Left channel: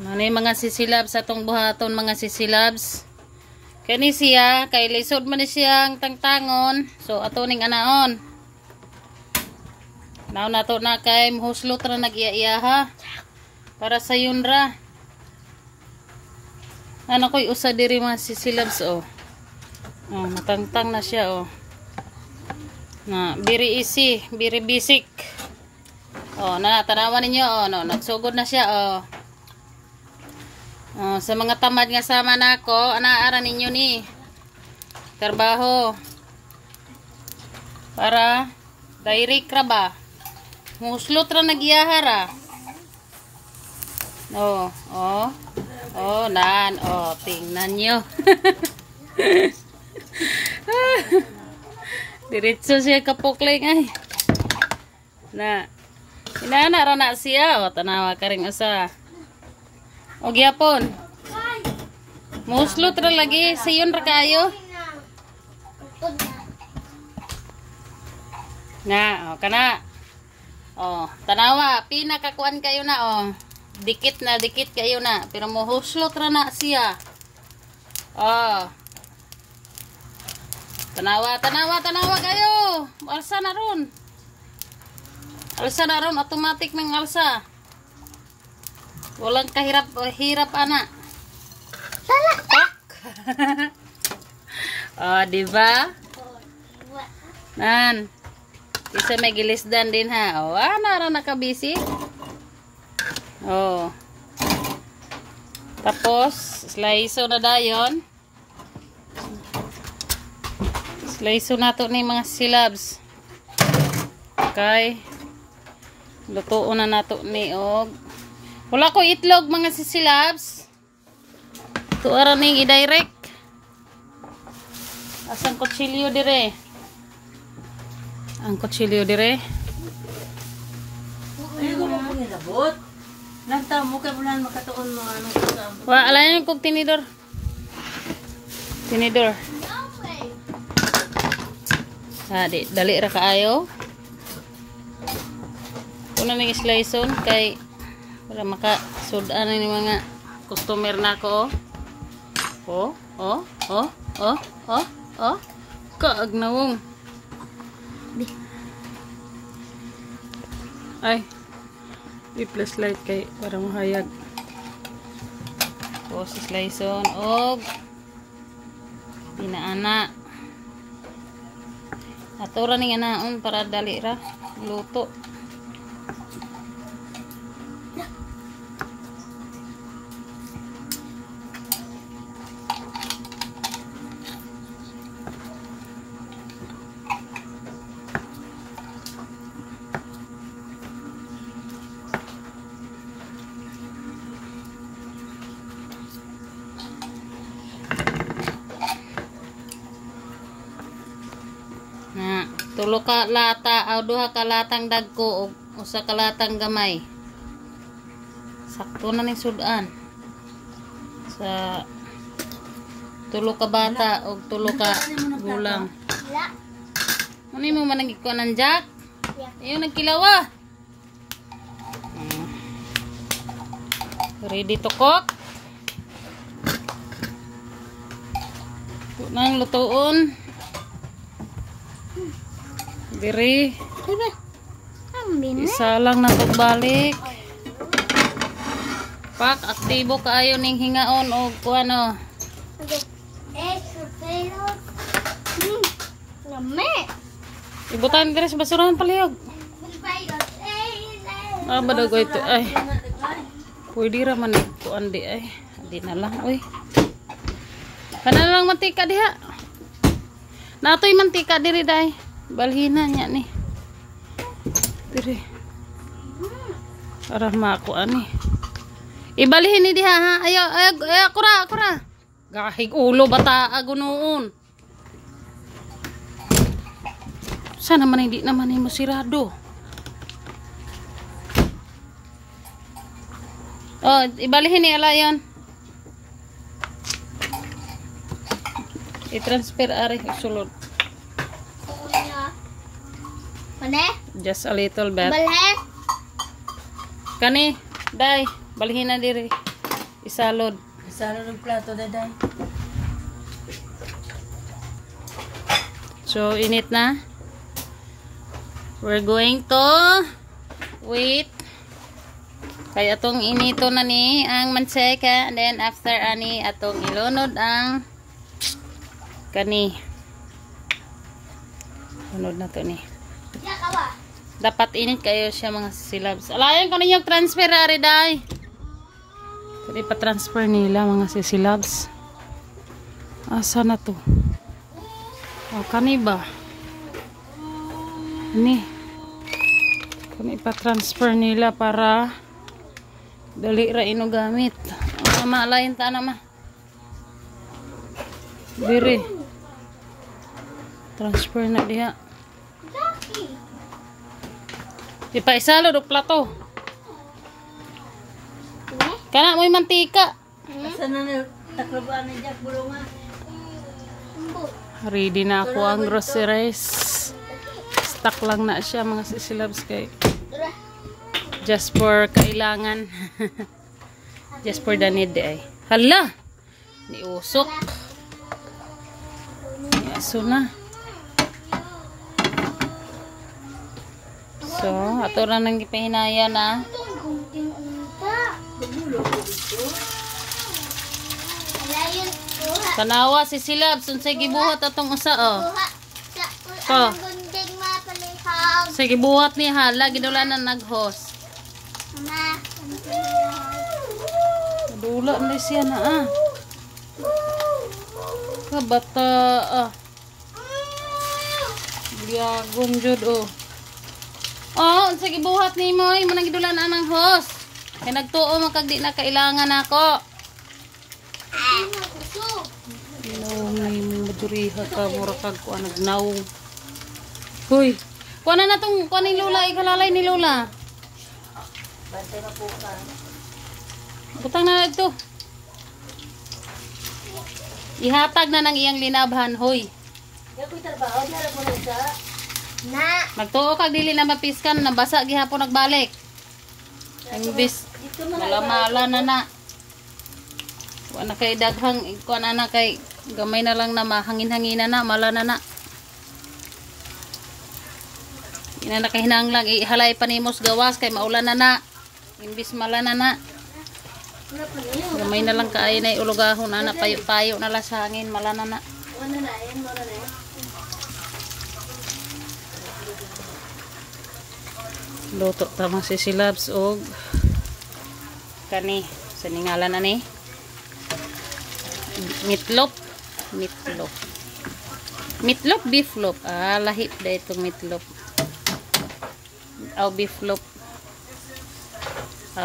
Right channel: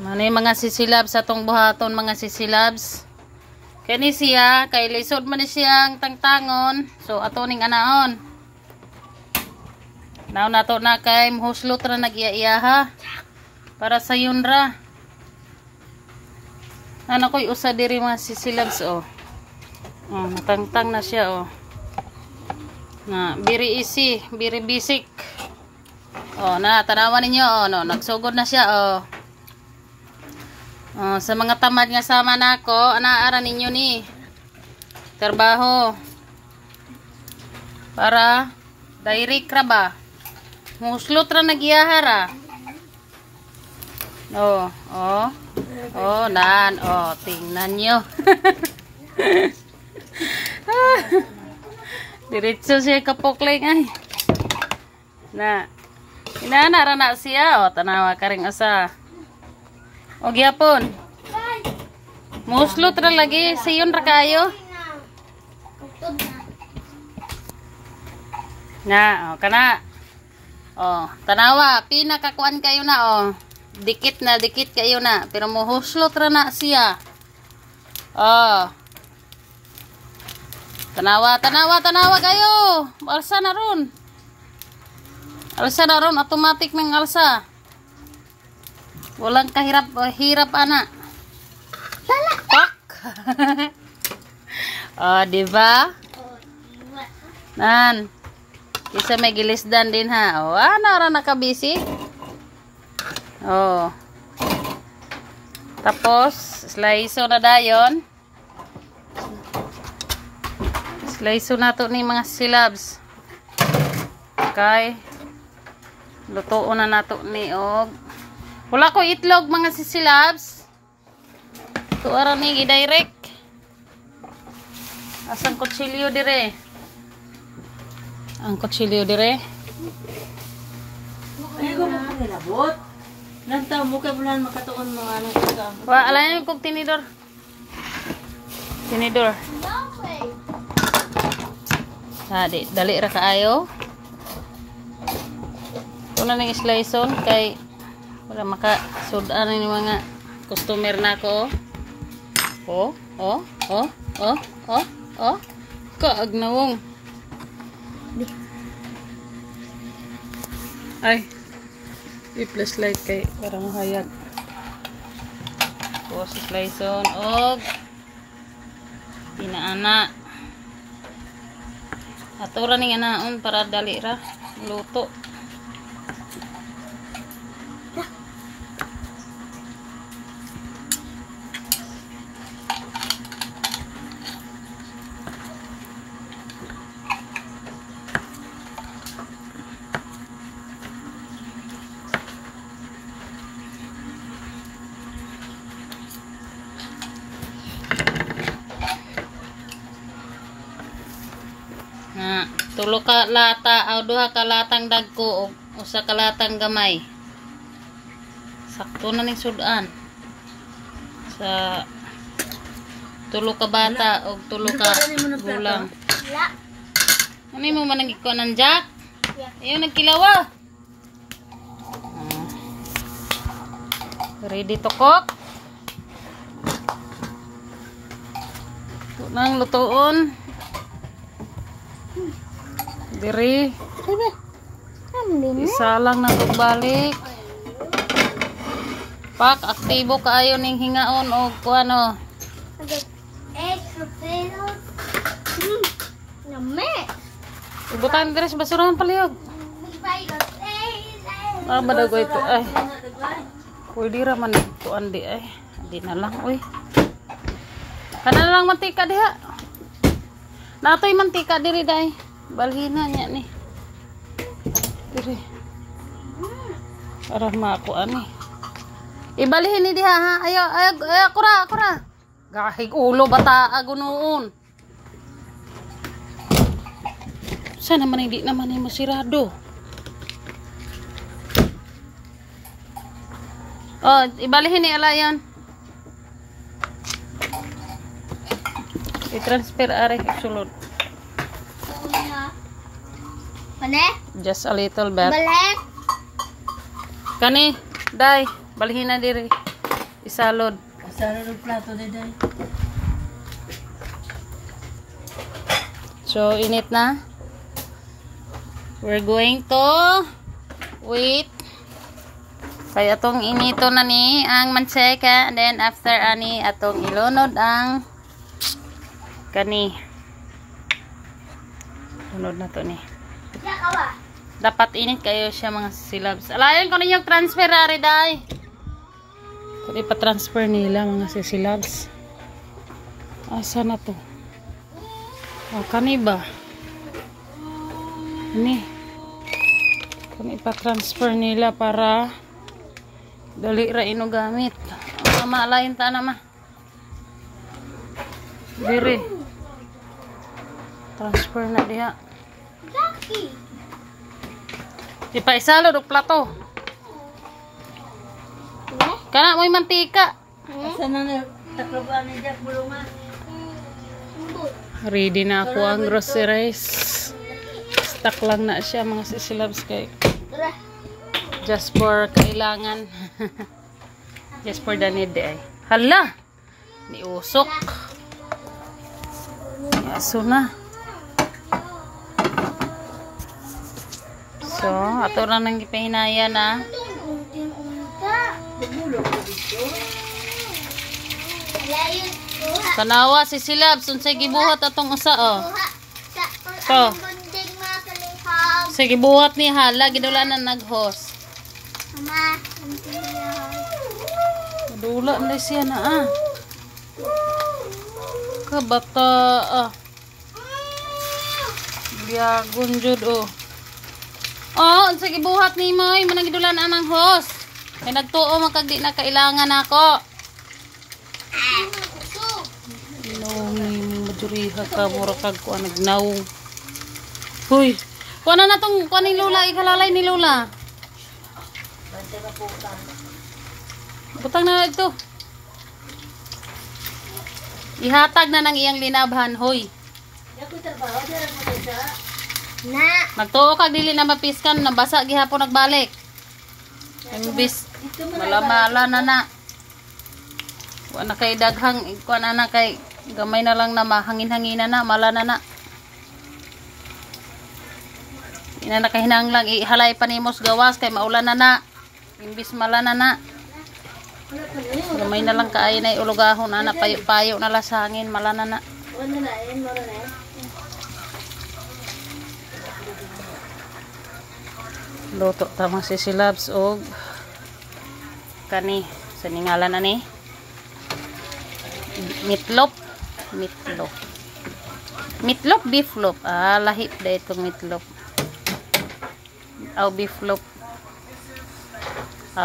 Manay mga sisilabs atong buhaton mga sisilabs. Kani siya kay lisod man ni siyang tangtangon. So ato ning anaon. Now nato na kay muhuslot ra nag-iya-iya para sa yunra. Ano ko'y usa diri mga sisilabs oh. Oh, natangtang na siya oh. Na very easy, very basic. Oh, na tanawan ninyo oh, no, nagsugod na siya oh. Oh, sa mga tamad nga sama nako, anaara ninyo ni trabaho para direct ra ba. Muslot ra nagyahara. Oh, oh. Oh, nan, oh, tingnan nyo. Diretso siya kapokling ay. Na. Inaana na siya, oh, tanawa ka ring asa. O gyapon. Muslot ra lagi, sayon ra kayo. Na, oh, kana. Oh, tanawa, pinakakuan kayo na oh. Dikit kayo na, pero muhuslot ra na siya. Oh. Tanawa kayo. Alsa na ron. Alsa na ron, automatic ng alsa. Walang hirap ana. Salak. Oh, di ba? Nan. Isa may gilisdan din ha. Oh, ana ra nakabisi. Oh. Tapos slice na dayon. Slice nato ni mga silabs. Okay. Lutuon na nato ni og wala ko itlog mga sisilabs. Ito ara ning i-direct. Asang kutsilyo dire? Ang kutsilyo dire. Ay, ko mo nilabot. Nang tao mo kay bulan makatuon mo ano sa. Wa alayan kog tinidor. Tinidor. Dali ra kaayo. Una ning slice on kay wala maka sudan ni mga customer nako. Oh. Kaagnawong. Ay. I-plus light kay para mahayag. Tapos slice on og pinaana. Ato ra ning anaon para dali ra luto. Tulo ka lata o duha ka latang dagko o usa ka latang gamay. Sakto na ning sudan. Sa tulo ka bata o tulo ka gulang. Ano mo man nagikuan ng jack? Ayun nagkilawa. Ready to cook. Ito nang lutoon. Diri. Isa lang na balik. Pak, aktibo kaayo ning hingaon o kuano. Ibutan ka sa basurahan palihog. Badago ito ay. Pwede ra man kuan di ay. Di na lang oy. Kana lang mantika diha. Natoy mantika diri dai. Balhina niya ni. Diri. Para makuan ni. Ibalhin ni diha ha. Ayo akura. Gahig ulo bata agunoon. Sana man hindi naman ni masirado. Oh, ibalhin ni alayan. I-transfer are sulod. Mana? Just a little bit. Balhe. Kani, dai, balhin na diri. Isalod. Saro ng plato, day. So, init na. We're going to wait. Kaya atong inito na ni ang mantseka. And then, after ani, atong ilunod ang kani. Lunod na to ni. Dapat init kayo siya mga silabs. Alayan ko ninyong transfer ari day. Kaya pa-transfer nila mga sisilabs. Asa na to? Oh, kani ba? Ini. Kani pa-transfer nila para dali ra ino gamit. Ano alayin ta na ma? Diri. Transfer na diha. Di pa isalo do plato. Kana mo'y mantika. Asa na taklabaan ni Jack bulungan. Ready na ako ang groceries. Stock lang na siya mga sisilabs kay. Just for kailangan. Just for the need ay. Hala! Ni usok. Ni aso na. So, ato na nang ipahinaya na. Tanawa si Silabs, unsay gibuhat atong usa oh. So. Sige buhat ni hala gidulanan nag-host. Mama, Dula na siya na ah. Kabata ah. Biyagon jud oh. Oh, unsay gibuhat ni mo ay manang gidulanan ang host. Kay nagtuo makagdi na kailangan ako. Naungi mong maduriha ka, mura kag ko nagnawong. Hoy, kuha na natong, kuha ni Lola, ikalalay ni Lola. Butang na ito. Ihatag na ng iyang linabhan, hoy. Nagtuo kag dili na mapiskan, nabasa gihapon nagbalik. Imbis, malamala na na. Wala kay daghang, kuha na kay gamay na lang na mahangin-hangina na, mala na na. Ina na kahinang lang, ihalay pa ni mos gawas kay maulan na na. Imbis mala na na. Gamay na lang kaay na ulugahon na payo-payo na lang sa hangin, mala na na. Luto tamang sisilabs og kani sa ningalan na ni meatloaf beef loaf lahit da itong meatloaf beef loaf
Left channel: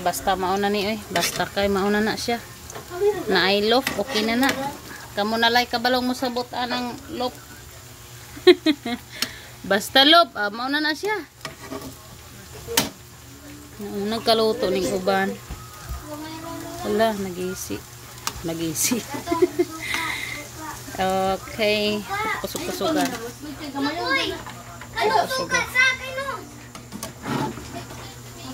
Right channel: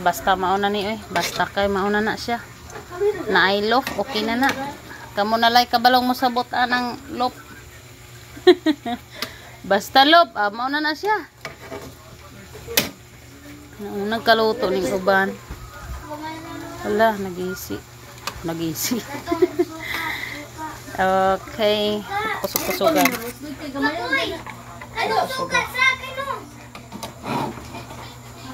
basta mauna ni basta kay mauna na siya na I loaf okay na na kamo na lay kabalong mo sabot anang loaf basta loaf mauna na siya. Nagkaluto ning uban. Wala, nag-isi. Okay. Kusog-kusogan. Ano sukat sa akin no?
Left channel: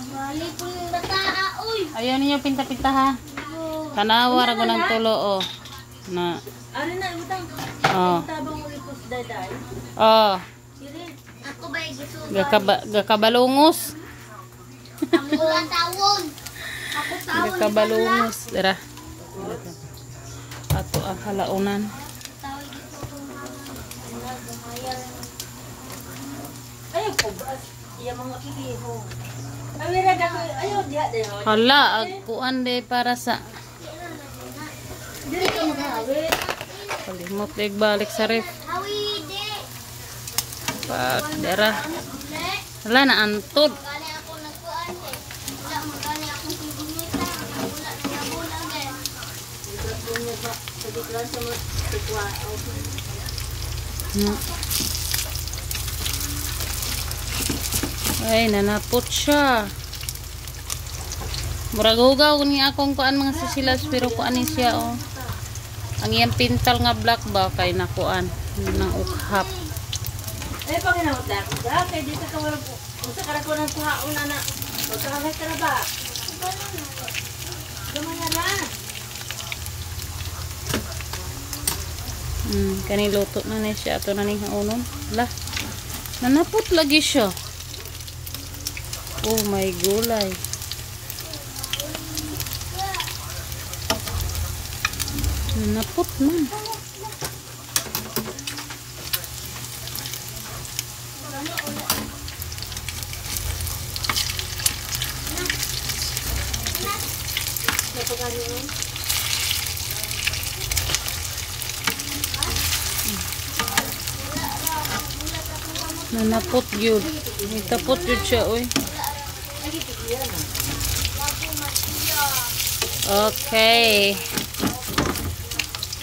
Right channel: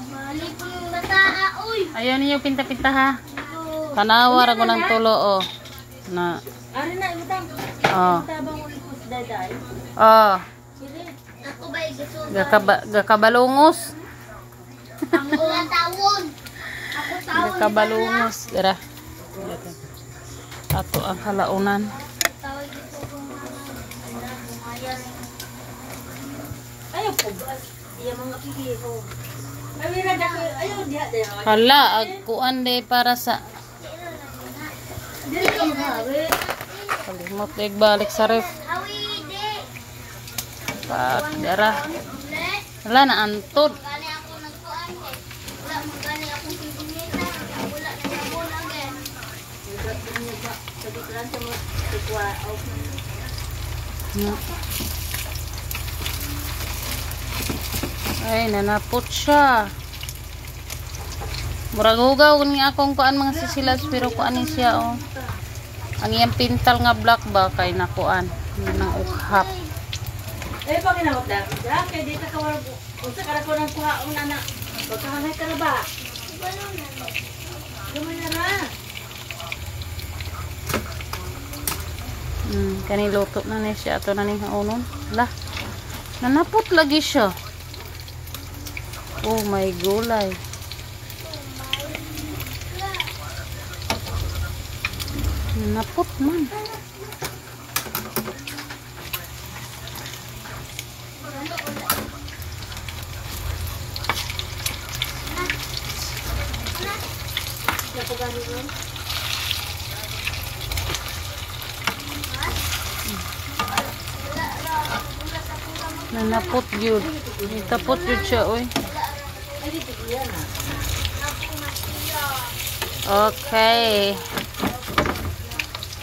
Mabalik yung bataa, uy. Ayaw ninyo pinta-pinta ha. Kanawar ako ng tulo oh. Na. Ari na ibutang. Oh. Tabang ulit ko sa day. Oh. Ako ba igusto? Gakabalungos. Ako tawon. Ako tawon. Gakabalungos. Dara. Ato ang halaunan. Tawag dito. Ayaw po ba? Iya mga pigiho. Awira na ko. Ayaw diha de. Hala, agkuan de para sa Dili ka magawe. kalimot de balik sa ref. Hawi de. Pak, dara. Wala na antod. Kali ako nagkuan eh. Wala mo kali ako sinita. Wala ako again. Sa dikran sa mo tikwa. Ay, nanapot siya. Murag hugaw ni akong kuan mga sisilas pero kuan ni siya oh. Ang iyang pintal nga black ba kay nakuan na ukhap. Eh pag inamot lang. Kay dito ka wala. Unsa ka ko nang kuhaon ana. Pagkahanay ka na ba? Gamay na na. Kaniluto na ni siya. Ato na ni haunon. Lah. Nanapot lagi siya. Oh my gulay. Nanapot man. Nanapot yun. Natapot yun siya, oy. Okay.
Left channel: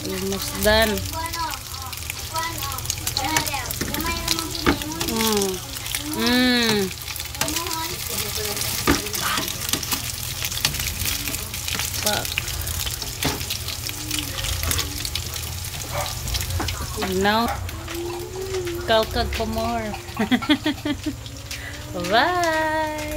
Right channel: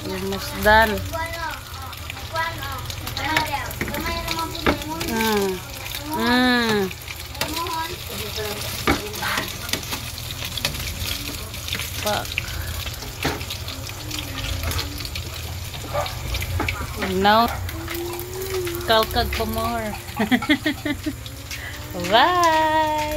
Almost done. Fuck. Now, kalkag pa more. Bye!